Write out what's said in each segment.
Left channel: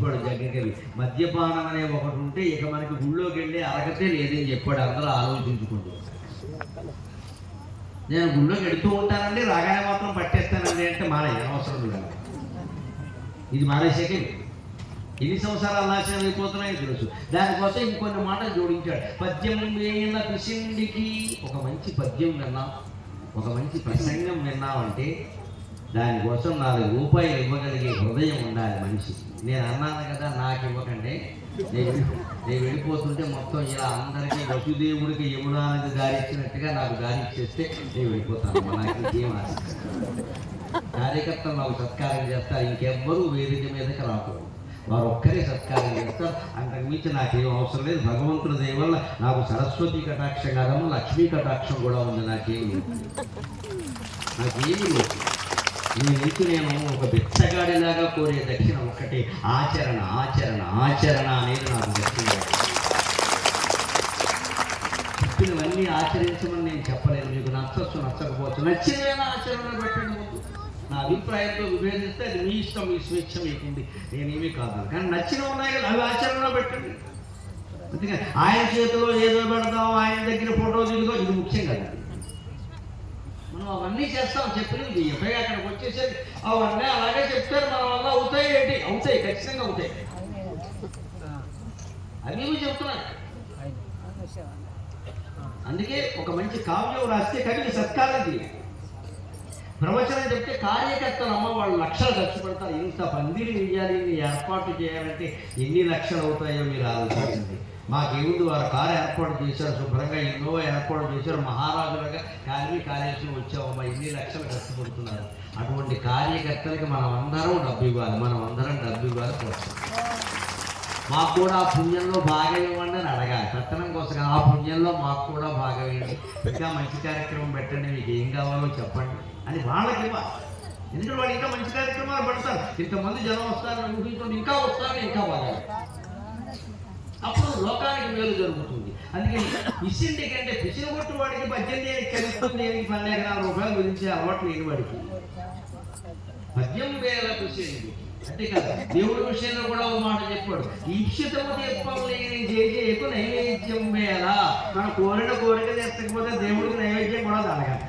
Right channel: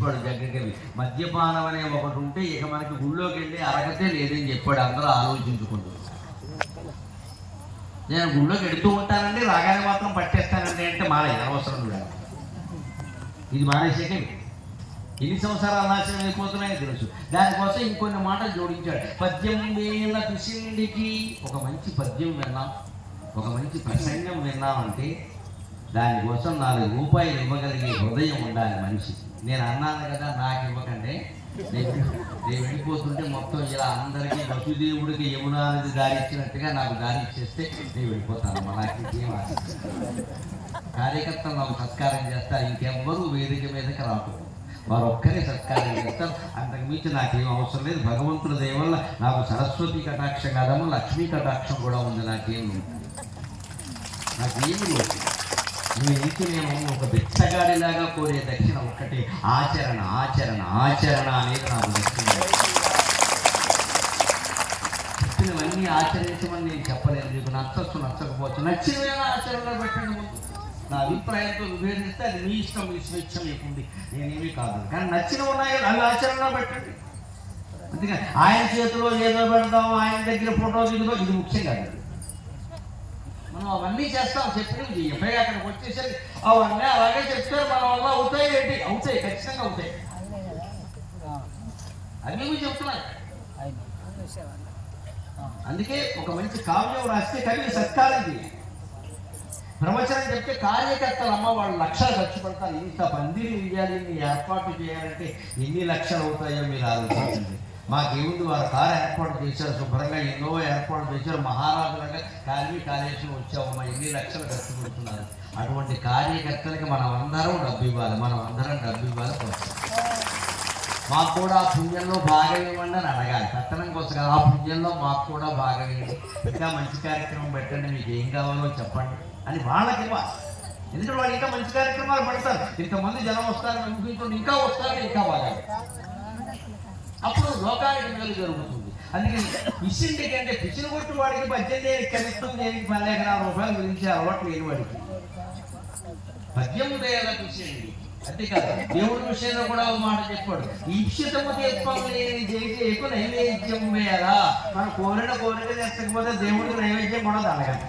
జగన్ మద్యపానం అనే ఒకటి ఉంటే ఇక మనకి గుళ్ళోకి వెళ్ళి అరగతే లేదని చెప్పాడు. అందరూ ఆలోచించుకుంటూ నేను గుళ్ళోకి వెళుతూ ఉంటానండి, రాగానే మాత్రం పట్టేస్తానండి అంటే మానే అవసరం కూడా. ఇది మానేసేకే ఎన్ని సంవత్సరాలు నాశనం అయిపోతున్నాయో తెలుసు. దానికోసం ఇంకొన్ని మాటలు జోడించాడు. 18 ఏళ్ల కృష్ణుడికి ఒక మంచి పద్యం విన్నాం, ఒక మంచి ప్రసంగం విన్నామంటే దానికోసం 4 రూపాయలు ఇవ్వగలిగే హృదయం ఉండాలి మనిషికి. నేను అన్నాను కదా, నాకు ఇవ్వకండి, నేను వెళ్ళిపోతుంటే మొత్తం ఇలా అందరికీ వసుదేవుడికి యమునానికి దారి ఇచ్చినట్టుగా నాకు దారి ఇచ్చేస్తే నేను వెళ్ళిపోతాను. నాకు ఇంకేం ఆశ. కార్యకర్తలు నాకు సత్కారం చేస్తారు, ఇంకెవ్వరూ వేదిక మీదకి రాకూడదు, వారు ఒక్కరే సత్కారం చేస్తారు. అంతకు మించి నాకేం అవసరం లేదు. భగవంతుడి దయ వల్ల నాకు సరస్వతి కటాక్షం కాదము, లక్ష్మీ కటాక్షం కూడా ఉంది. నాకేమి లేదు. మీ నుంచి నేను ఒక బిచ్చగాడిలాగా కోరే దక్షిణ ఒక్కటే, ఆచరణ ఆచరణ ఆచరణ అనేది నాకు దక్షిణ. చెప్పినవన్నీ ఆచరించమని నేను చెప్పలేను. మీకు నచ్చచ్చు నచ్చకపోవచ్చు, నచ్చినవైనా ఆచరణలో పెట్టండి. ముందు నా అభిప్రాయంతో విభేదిస్తే అది మీ ఇష్టం, మీ స్వేచ్ఛ మీకుంది, నేనేమీ కాదు. కానీ నచ్చినవి ఉన్నాయి కదా, అవి ఆచరణలో పెట్టండి. అందుకని ఆయన చేతిలో ఏదో పెడతాం, ఆయన దగ్గర ఫోటో దిగుదో, ఇది ముఖ్యం కాదు. మనం అవన్నీ చేస్తాం, చెప్పినవి ఎఫ్ఐఆర్ అక్కడికి వచ్చేసరికి అవన్నీ అలాగే చెప్తారు. మన వల్ల అవుతాయి ఏంటి? అవుతాయి, ఖచ్చితంగా అవుతాయి. అవి చెప్తున్నాయి. అందుకే ఒక మంచి కావ్యం రాస్తే కవిని సత్కారం చేయాలి. ప్రవచనం చెప్తే కార్యకర్తలు అమ్మ వాళ్ళు లక్షలు ఖర్చు పెడతారు. ఇంత పందిరి వేయాలి, ఇన్ని ఏర్పాటు చేయాలంటే ఎన్ని లక్షలు అవుతాయో మీరు ఆలోచించండి. మాకేముంది, వారు కారు ఏర్పాటు చేశారు, శుభ్రంగా ఎన్నో ఏర్పాటు చేశారు, మహారాజులుగా కాళేశ్వరం వచ్చామమ్మా, ఎన్ని లక్షలు ఖర్చు పెడుతున్నారు. అటువంటి కార్యకర్తలకి మనం అందరం డబ్బు ఇవ్వాలి, మనం అందరం డబ్బు ఇవ్వాలి. మాకు కూడా ఆ పుణ్యంలో భాగం ఇవ్వండి అని అడగాలి. పట్టణం కోసం ఆ పుణ్యంలో మాకు కూడా భాగం ఇవ్వండి, ఇంకా మంచి కార్యక్రమం పెట్టండి, మీకు ఏం కావాలో చెప్పండి అని వాళ్ళకి ఇవ్వాలి. ఎందుకంటే వాళ్ళు ఇంకా మంచి కార్యక్రమాలు పెడతారు, ఇంతమంది జనం వస్తారని ఊహించుకుంటే ఇంకా వస్తారు, ఇంకా బాగా, అప్పుడు లోకానికి మేలు జరుగుతుంది. అందుకని పిసిండి కంటే పిసిన కొట్టు వాడికి 18 ఏళ్ళకి కలుస్తుంది, 12,000 రూపాయలు గురించి అలవాటు లేని వాడికి 18 ఏళ్ళ పిసిండి అంతే కదా. దేవుడి విషయంలో కూడా ఒక మాట చెప్పాడు, ఈప్సితము చేసేకు నైవేద్యం వేళ. మనం కోరిక తెచ్చకపోతే దేవుడికి నైవేద్యం కూడా తాగండి.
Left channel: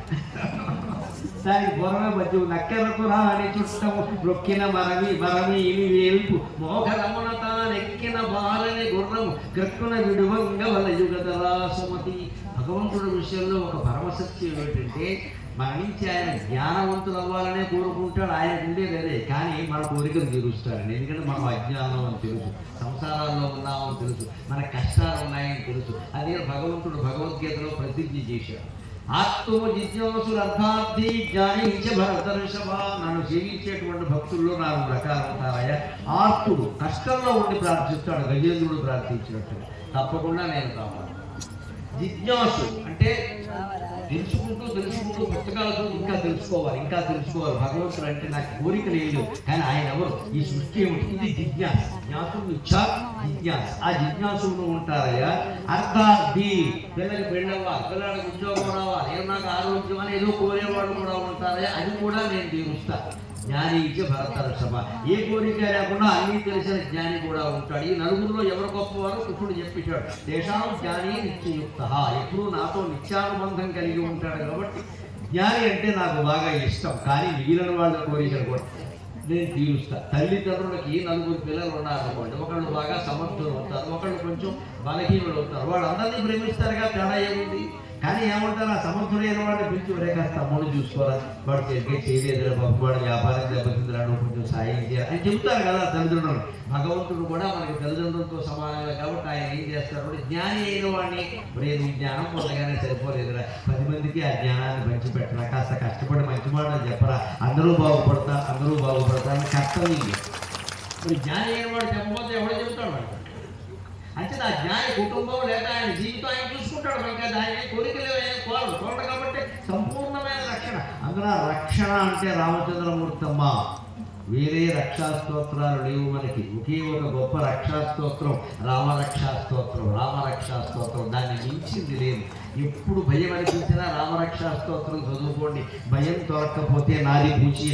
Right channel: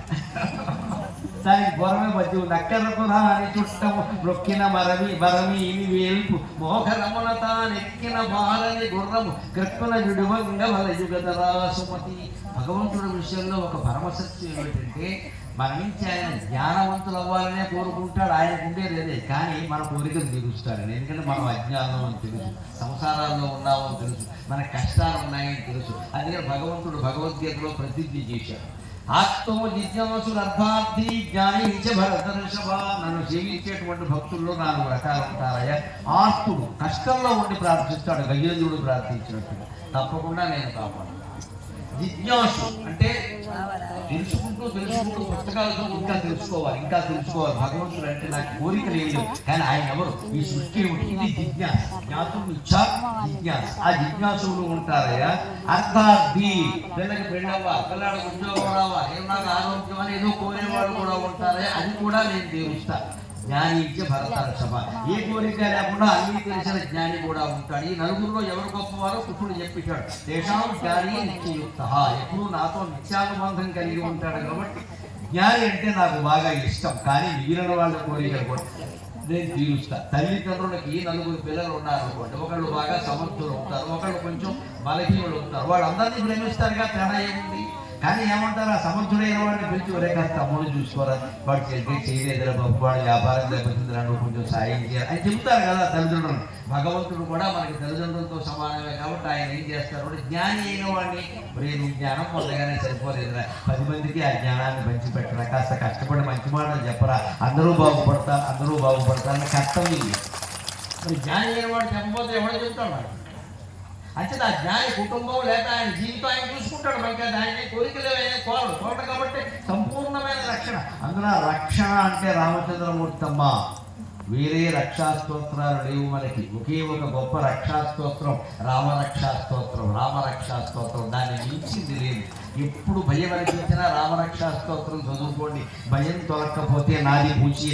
దానికి బొరమే బజ్జు నక్కెరకు రాని చుట్టము నొక్కిన మరమి ఇని వేల్పు మోహరమున తానెక్కిన బాలని గుర్రము కృక్కున విడువంగ వలయుగతరా సుమతి. భగవంతుడి విషయంలో ఒక పరమసత్యం ఏమిటంటే, మన నుంచి ఆయన జ్ఞానవంతులు అవ్వాలనే కోరుకుంటాడు. ఆయనకు ఉండేది అదే, కానీ మన కోరికలు తీరుస్తాడని. ఎందుకంటే మనం అజ్ఞానం అని తెలుసు, సంసారాల్లో ఉన్నామని తెలుసు, మన కష్టాలు ఉన్నాయని తెలుసు. అదే భగవంతుడు భగవద్గీతలో ప్రసిద్ధి చేశాడు. ఆత్మో జిజ్ఞాసులు అర్థార్థి జ్ఞాని భరతర్షభ. నన్ను జీవించేటువంటి భక్తుల్లో 4 రకాలు ఉంటాయా. ఆర్తుడు కష్టంలో ఉండి ప్రార్థిస్తాడు, గజేంద్రుడు ప్రార్థించినట్టుగా, తప్పకుండా నేను కాపాడు. జిజ్ఞాసు అంటే తెలుసుకుంటూ పుస్తకాలతో ఇంకా తెలుసుకోవాలి. భగవంతుడు అంటే నాకు కోరిక లేదు, కానీ ఆయన ఎవరు, ఈ సృష్టి ఏమిటి, ఇది జిజ్ఞాస. జ్ఞాతం ఇచ్చా జిజ్ఞాస. ఆ జిజ్ఞాసులు ఉంటారయ్యా. అర్థార్థి, పిల్లకి పెళ్ళవ్వాలి, పిల్లడికి ఉద్యోగం రావాలి, నాకు ఆరోగ్యం అని ఏదో కోరేవాళ్ళు కూడా ఉంటారయ్యా, అది కూడా నేను తీరుస్తాను. జ్ఞాని భరతర్షభ. ఏ కోరిక లేకుండా అన్నీ తెలిసిన జ్ఞాని కూడా ఉంటాడు. ఈ నలుగురిలో ఎవరు గొప్పవారో కృష్ణుడు చెప్పేశాడు. దేశం జ్ఞాని నిత్యయుక్త, ఎప్పుడు నాతో నిత్యానుబంధం కలిగి ఉంటాడు. కాబట్టి జ్ఞాని అంటే నాకు బాగా ఇష్టం, కానీ మిగిలిన వాళ్ళ కోరిక కూడా నేను తీరుస్తా. తల్లిదండ్రులకి 4 పిల్లలు ఉన్నారనుకోండి, ఒకళ్ళు బాగా సమర్థులు ఉంటారు, ఒకళ్ళు కొంచెం బలహీనులు ఉంటారు. వాడు అందరినీ ప్రేమిస్తారుగా, తేడా ఏముంది. కానీ ఏమంటారు, ఆ సమర్థుడైన వాడిని పిలిచి ఒరే కాస్త తమ్ముడు చూసుకోరా, వాడు చేయలేదురా బాబు, వాడు వ్యాపారం దెబ్బతిందిరా, నువ్వు కొంచెం సాయం చేయాలి అని చెప్తారు కదా తల్లిదండ్రులు. భగవంతుడు కూడా మనకి తల్లిదండ్రులతో సమానమే. కాబట్టి ఆయన ఏం చేస్తాడు, జ్ఞాని అయిన వాడిని, నువ్వు జ్ఞానం పొందగానే సరిపోలేదురా, 10 మందికి ఆ జ్ఞానాన్ని పంచిపెట్టరా, కాస్త కష్టపడి మంచి మాటలు చెప్పరా, అందరూ బాగుపడతా అని కర్తవ్యం. మరి జ్ఞాని అయిన వాడు చెప్పకపోతే ఎవడో చెబుతాడు. అంటే ఆ జ్ఞాని కుటుంబం లేక ఆయన జీవితం ఆయన చూసుకుంటాడు. మనకి ఆయన కోరికలు చూడరు కాబట్టి సంపూర్ణమైన రక్షణ. అందులో రక్షణ అంటే రామచంద్రమూర్తమ్మ. వేరే రక్షాస్తోత్రాలు లేవు మనకి. ఒకే ఒక గొప్ప రక్షాస్తోత్రం రామరక్షాస్తోత్రం. దాన్ని మించింది లేదు. ఎప్పుడు భయం అనిపించినా రామరక్షాస్తోత్రం చదువుకోండి. భయం తొలకపోతే నాది పూచి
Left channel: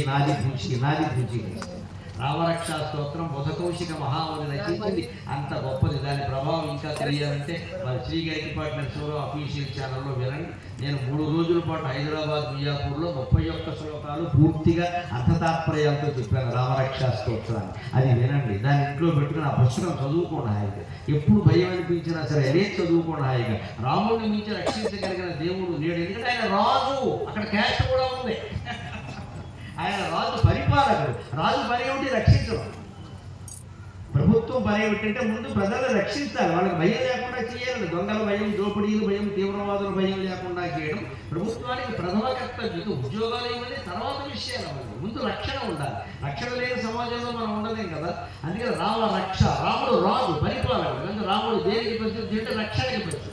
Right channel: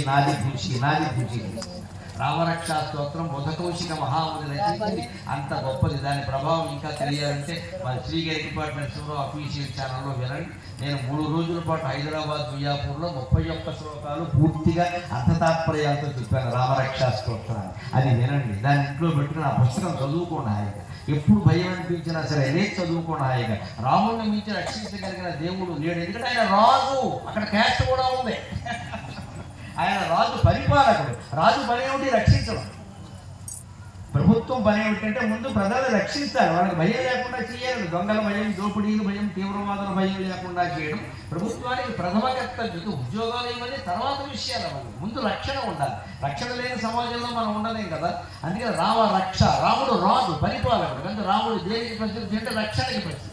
రామరక్షా స్తోత్రం బుధకౌశిక మహాముని రచించింది. అంత గొప్పది. దాని ప్రభావం ఇంకా తెలియాలంటే మన శ్రీగరి డిపార్ట్మెంట్స్లో అఫీషియల్ ఛానల్లో వినండి. నేను 3 రోజుల పాటు హైదరాబాద్ మియాపూర్లో 31 శ్లోకాలు పూర్తిగా అర్థతాత్పర్యాలతో చెప్పాను రామరక్షా స్తోత్రాన్ని. అది వినండి. దాన్ని ఇంట్లో పెట్టుకుని ఆ పుస్తకం చదువుకోండి హాయిగా. ఎప్పుడు భయం అనిపించినా సరే లేచి చదువుకోండి హాయిగా. రాముడిని మించి రక్షించగలిగిన దేవుడు లేడు. ఎందుకంటే ఆయన రాజు, అక్కడ క్యాస్ట్ కూడా ఉంది. ఆయన రాజు పరిపాలకుడు. రాజు పని ఏమిటి? రక్షించడం. ప్రభుత్వం పని ఏమిటంటే ముందు ప్రజలను రక్షిస్తారు. వాళ్ళకి భయం లేకుండా చేయాలి. దొంగల భయం, దోపిడీల భయం, తీవ్రవాదుల భయం లేకుండా చేయడం ప్రభుత్వానికి ప్రథమ కర్తవ్యం. ఉద్యోగాలు ఇవన్నీ తర్వాత విషయాలు అవన్నీ. ముందు రక్షణ ఉండాలి. రక్షణ లేని సమాజంలో మనం ఉండలేం కదా. అందుకని రామ రక్ష. రాముడు రాజు, పరిపాలకుడు. అందుకే రాముడు దేనికి ప్రసిద్ధి అంటే రక్షణకి ప్రసిద్ధి.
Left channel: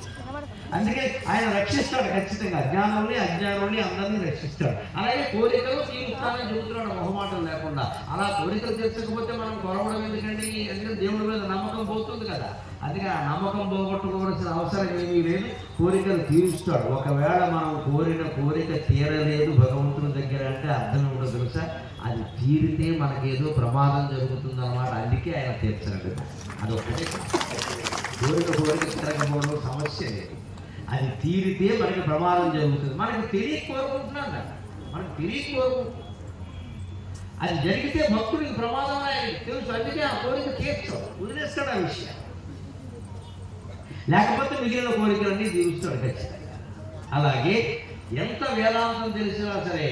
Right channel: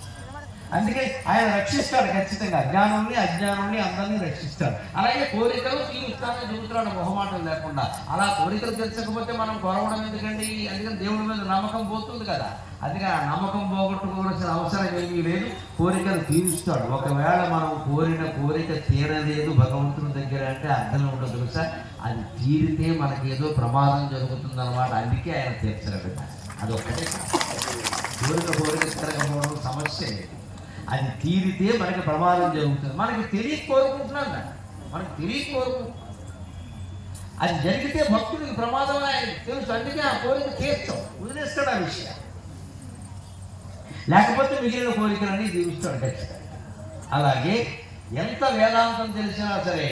అందుకే ఆయన రక్షిస్తాడు ఖచ్చితంగా. అజ్ఞానాన్ని అజ్ఞానాన్ని అందరినీ రక్షిస్తాడు. అలాగే కోరికలు తీరుస్తానని చెబుతున్నాడు మొహమాటం లేకుండా. అలా కోరికలు తెచ్చకపోతే మనం కొరవడం ఎందుకండి? అందుకని దేవుడి మీద నమ్మకం పోతుంది కదా. అందుకని ఆ నమ్మకం పోగొట్టుకోవాల్సిన అవసరం ఏమీ లేదు. కోరికలు తీరుస్తాడు. ఒకవేళ మనం కోరిన కోరిక తీరలేదు భగవంతుడి దగ్గర అంటే అర్థం ఉంటుంది తెలుసా? అది తీరితే మనకేదో ప్రమాదం జరుగుతుందన్నమాట. అందుకే ఆయన తీర్చలేదు. అదొక్కటే కోరిక తిరగకపోవడం సమస్య లేదు. అది తీరితే మనకి ప్రమాదం జరుగుతుంది. మనకు తెలియక కోరుకుంటున్నాం కదా, మనకు తెలియక కోరుకుంటున్నాం. అది జరిగితే భక్తుడికి ప్రమాదం తెలుసు. అందుకే ఆ కోరిక తీర్చాడు, వదిలేస్తాడు ఆ విషయం. లేకపోతే మిగిలిన కోరికలన్నీ తీరుస్తాడు ఖచ్చితంగా. అలాగే ఎంత వేదాంతం తెలిసినా సరే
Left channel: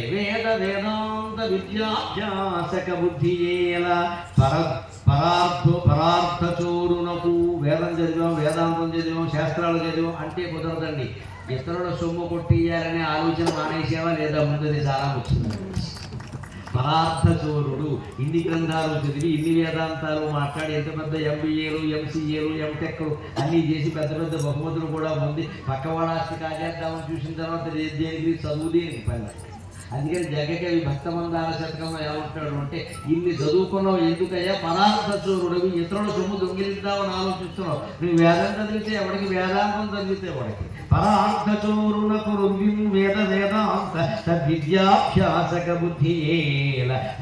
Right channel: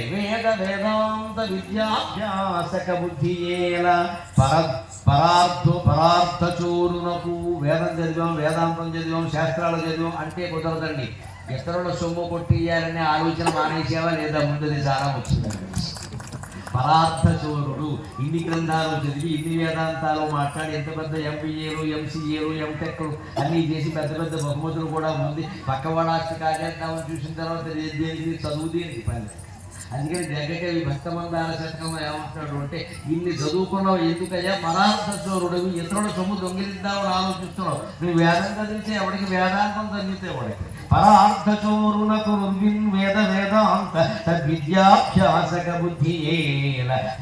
వేదాంత విద్యాభ్యాసక బుద్ధి పరార్థ చోరునకు. వేదం చదివాం, వేదాంతం చదివాం, శాస్త్రాలు చదివాం అంటే కుదరదండి. ఇతరుల సొమ్ము కొట్టియాలనే ఆలోచన మానేసేవా లేదా? ముందుది చాలా వచ్చిందండి. పరార్థ చోరుడు. ఇన్ని గ్రంథాలు చదివి ఇన్ని వేదాంతాలు మాట్లాడి ఎంత పెద్ద ఎంబీఏలు, ఎంసీఏలు, ఎంటెక్లు అన్నీ చేసి పెద్ద పెద్ద బహుమతులు కూడా ఉంది. పక్కవాడాస్తి కార్యక్రమం చూసిన తర్వాత దేనికి చదువు దేనికి పని. అందుకని జగకవి భక్తమందార శతకం ఏమంటాడు అంటే, ఇన్ని చదువుకున్నావు ఎందుకయ్యా? పరార్థ చోరుడివి. ఇతరుల సొమ్ము దొంగిలిద్దామని ఆలోచిస్తున్నావు. నువ్వు వేదం చదివితే ఎవడికి, వేదాంతం చదివితే ఎవడికి. పరార్థ చోరులకు వేదాంత విద్యాభ్యాసక బుద్ధి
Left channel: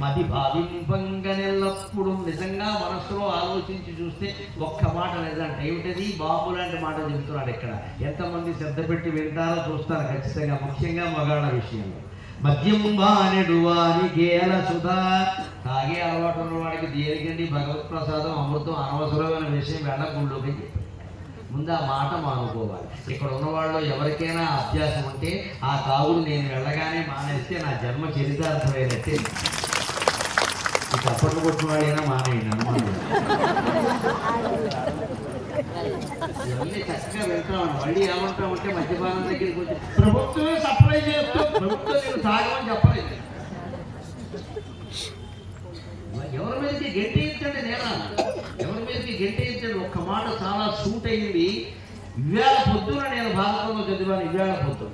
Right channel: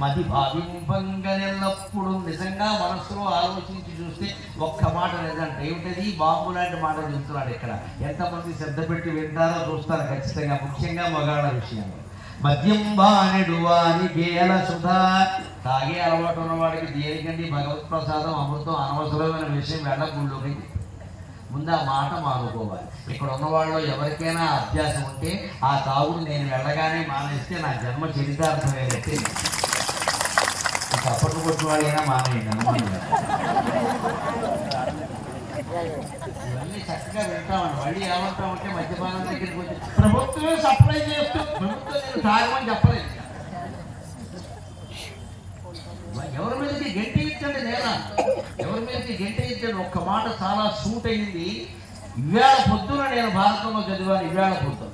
మది భావింపంగనెల్లప్పుడు. నిజంగా మనసులో ఆలోచించి చూస్తే ఒక్క మాట లేదంటే ఏమిటది? బాంబు లాంటి మాటలు చెబుతున్నాడు ఇక్కడ. ఎంతమంది శ్రద్ధ పెట్టి వింటారో చూస్తారు ఖచ్చితంగా, ముఖ్యంగా మగాళ్ళ విషయంలో. మద్యం బానెడు వారి గేల సుధా. తాగే అలవాటు ఉన్నవాడికి దేనికండి భగవత్ ప్రసాదం అమృతం అనవసరమైన విషయం వెళ్ళకుండా ముందు ఆ మాట మానుకోవాలి. ఇక్కడ ఉన్నవాళ్ళు ఎవరికైనా అభ్యాసం ఉంటే ఆ తాగుడు నేను వెళ్ళగానే మానేస్తే నా జన్మ చరితార్థమైనట్టే. తప్పట్లు కొట్టిన వాళ్ళైనా మానేయండి. ఇవన్నీ చక్కగా వింటామండి. మళ్ళీ ఏమంటా ఉంటే మద్యపానం దగ్గరికి వచ్చి ప్రభుత్వమే సప్లై చేస్తూ ప్రభుత్వం నేను తాగమని చెప్పలేదు. ఎవరి మీదకి గెంటేయించండి, నేనా ఎవరి మీదకి గెంటేయించండి. ఒక్క మాట చాలా సూట్ అయింది. ఇవాళ పొద్దున నేను భారతంలో చదివాను. ఇవాళ పొద్దున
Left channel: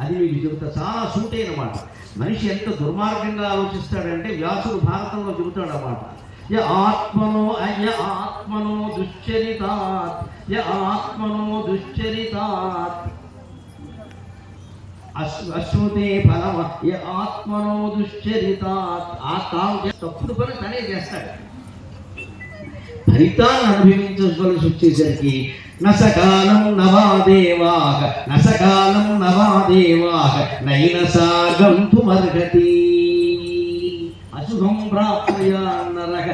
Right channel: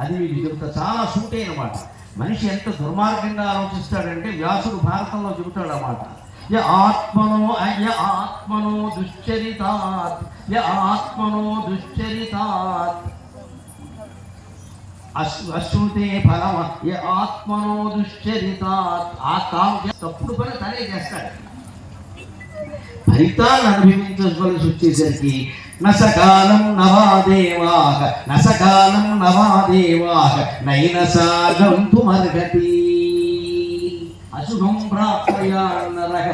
అది మీకు చెబుతా. చాలా సూట్ అయిన మాట. మనిషి ఎంత దుర్మార్గంగా ఆలోచిస్తాడంటే వ్యాసుడు భారతంలో చెబుతాడు అన్నమాట. ఆత్మనో దుశ్చరితాత్ అశ్రుతే ఫలం ఆత్మనో దుశ్చరితాత్. ఆ తాను తప్పుడు పని తనే చేస్తాడు. ఫలితాన్ని అనుభవించవలసి వచ్చేసరికి నసకాలం నవాదేవాః నైన సాగంతు మర్గతి. అశుభం ప్రాప్నుయాన్నరః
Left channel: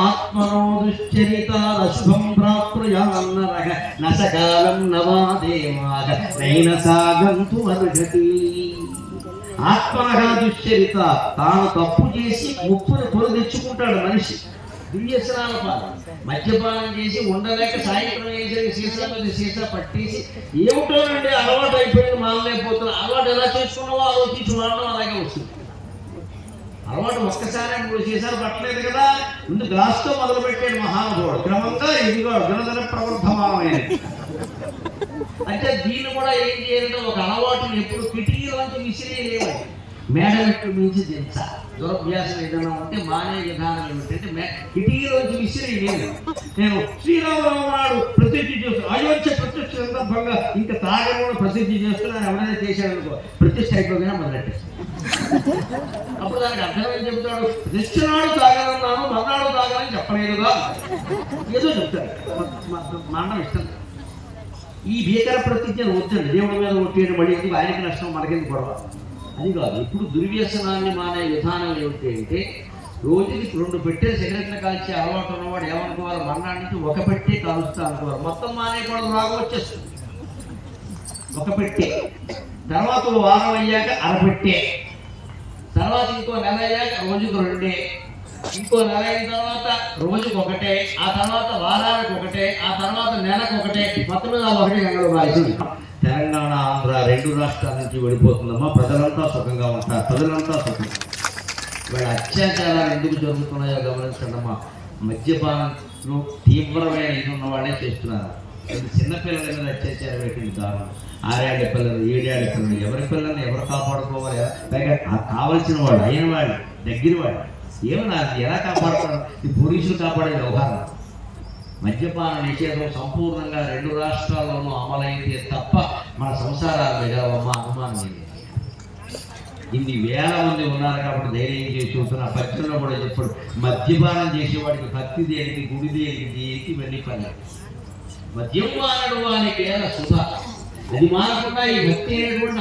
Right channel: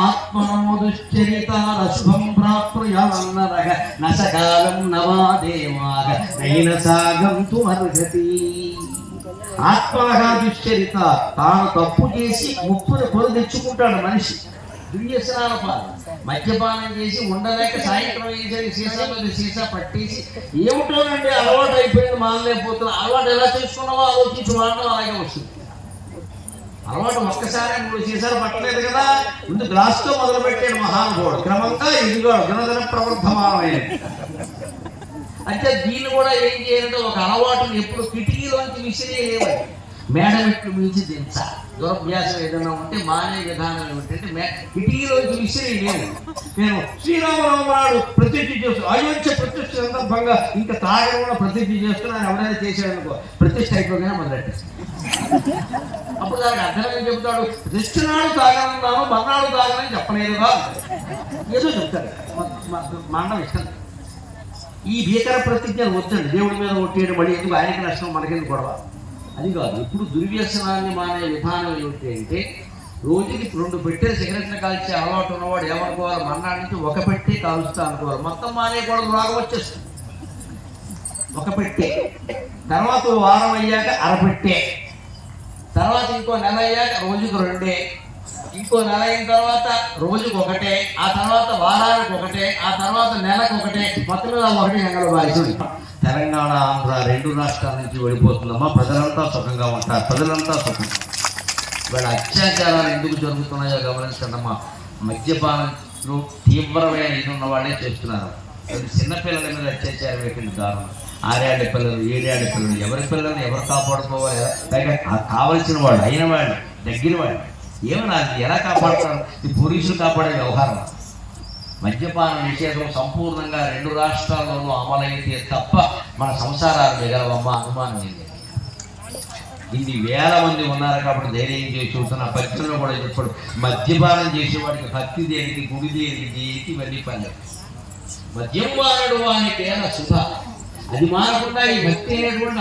ఆత్మనో దుశ్చరితాత్ అశుభం ప్రాప్నుయాన్నరః నసకాలం నవాదేవాః నైన సాగంతు మర్గతి. ఆత్మనః దుశ్చరితాత్. తాను తప్పు చేసి ముప్పును కొని తెచ్చుకుంటాడు మనిషి. దుర్వ్యసనాల పాలు. మద్యపానం చేసి ఉండలేక సాయంత్రం వేసేది సీసా పట్టేసి ఏమిటోనండి అలవాటు అయిపోయింది, మానలేకపోతున్నా. అలవాటు ఎలా చేసుకున్నావో ఆలోచించి వాడడం అలాగే వస్తుంది. అలవాటు ఒక్కసారి నువ్వు సీసాలు పట్టలేదు కదా, ముందు గ్లాస్తో మొదలు పెట్టాడు మహానుభావుడు. క్రమంగా ఇదిగో గుణధర ప్రవృద్ధమానమైనది. అంటే దీన్ని కూడా ఏం చేయాలంటే ఒక అలవాటుని ఎప్పుడు కిటికీలోంచి విసిరేయలేదు, మేడ మెట్లు మించి దించాలి. దురభ్యాసం ఏదైనా ఉంటే మానే విధానం ఏమిటంటే కిటికీలోంచి విసిరి లేదు. నేను శ్రీరామరావు నాడు ప్రతిజ్ఞ చేస్తూ అయోధ్య ప్రతిష్ఠ సందర్భంగా ఇంకా తాగకుండా ప్రతిజ్ఞ చేస్తూ నేను ఎవరైనా చేశాడనుకో ప్రతిష్ఠ అయిపోగానే మొదలెట్టేస్తాను. అప్పుడు దానికి అర్థం ఏం చెబుతాడు? నిశ్చనాడు తాగలన్నాను, మన్నాడు తాగలని చెప్పలేదుగా, ఏదో చెప్తాడు. మండం ఇష్టం. ఈ భీకర ప్రతిజ్ఞలు వద్దండి. దేవుడి మీద ఒట్టేయడం మళ్ళీ ఎందుకు, ఆయనకి నష్టం మనకెందుకు గొడవ, అది కాదు. ఇప్పుడు దుర్వ్యసనాన్ని మానే విధానం ఏమిటి అంటే, రోజుకి 2 పెట్టెలు సిగరెట్లు కాల్చే అలవాటు ఉన్నవాడు ఏమనుకోవాలి? మన్నాడు నుంచి 1 పెట్టే కాల్చుతా అనుకోవాలి. మొత్తం మానేయకూడదు, రాగం వచ్చేస్తుంది. 1 పెట్టే, తర్వాత వారం అయ్యాక 1/2 పెట్టే, తర్వాత ఇంకో నెల అయ్యాక రోజుకు 2, ఇంకో నెల అయిన తర్వాత రోజుకు 1, ఆ తర్వాత వారానికి 1, ఆ తర్వాత నెలకు 1, మొత్తం 1 నెలలో బాధ్యత. తెలంగాణ ఆంధ్ర 2 రాష్ట్రాల నుంచి వెళ్ళిపోతుందమ్మా. ప్రజలంతా సుఖంగా ఉంటారు, ప్రజలంతా సుఖం. వాళ్ళ అత్యాచారాలు ఎందుకు జరుగుతున్నాయో గమనించండమ్మా. మద్యపానంలో తీవ్రమైన ఇది ఉన్న వాళ్ళే చేస్తున్నారు. చిన్నపిల్లల మీద అత్యాచారం పెట్టింది దారుణం. 6 ఏళ్ల పిల్లలు, 7 ఏళ్ల పిల్లలు, ఎవరి పిల్లల్ని ఎవరు కాపాడుకోవాలి? కావలసిన వాళ్ళు, అయిన వాళ్ళు, దగ్గర వాళ్ళు. ఏమన్నా అది ఎలా కాపాడుతారు? ఈ పోలీసులు కాపాడే వ్యవహారం. మద్యపాన నిషేధం సంపూర్ణంగా 2 రాష్ట్రాల్లోనూ అమలైతే తప్ప మన సంసారాలు మిగలవమ్మ, అనుమానం లేదు. ఇన్ని వేల మంది ఉన్నారు కాబట్టి ధైర్యం చేసి చూస్తున్న పచ్చలో కూడా చెప్పాడు, మద్యపానం చేసేవాడికి భక్తి దేనికి, గుడి దేనికి, ఇవన్నీ పని. మద్యం వాడడు వానికి శుభ, అది మానకుండా ఈ భక్తి అనేటువంటి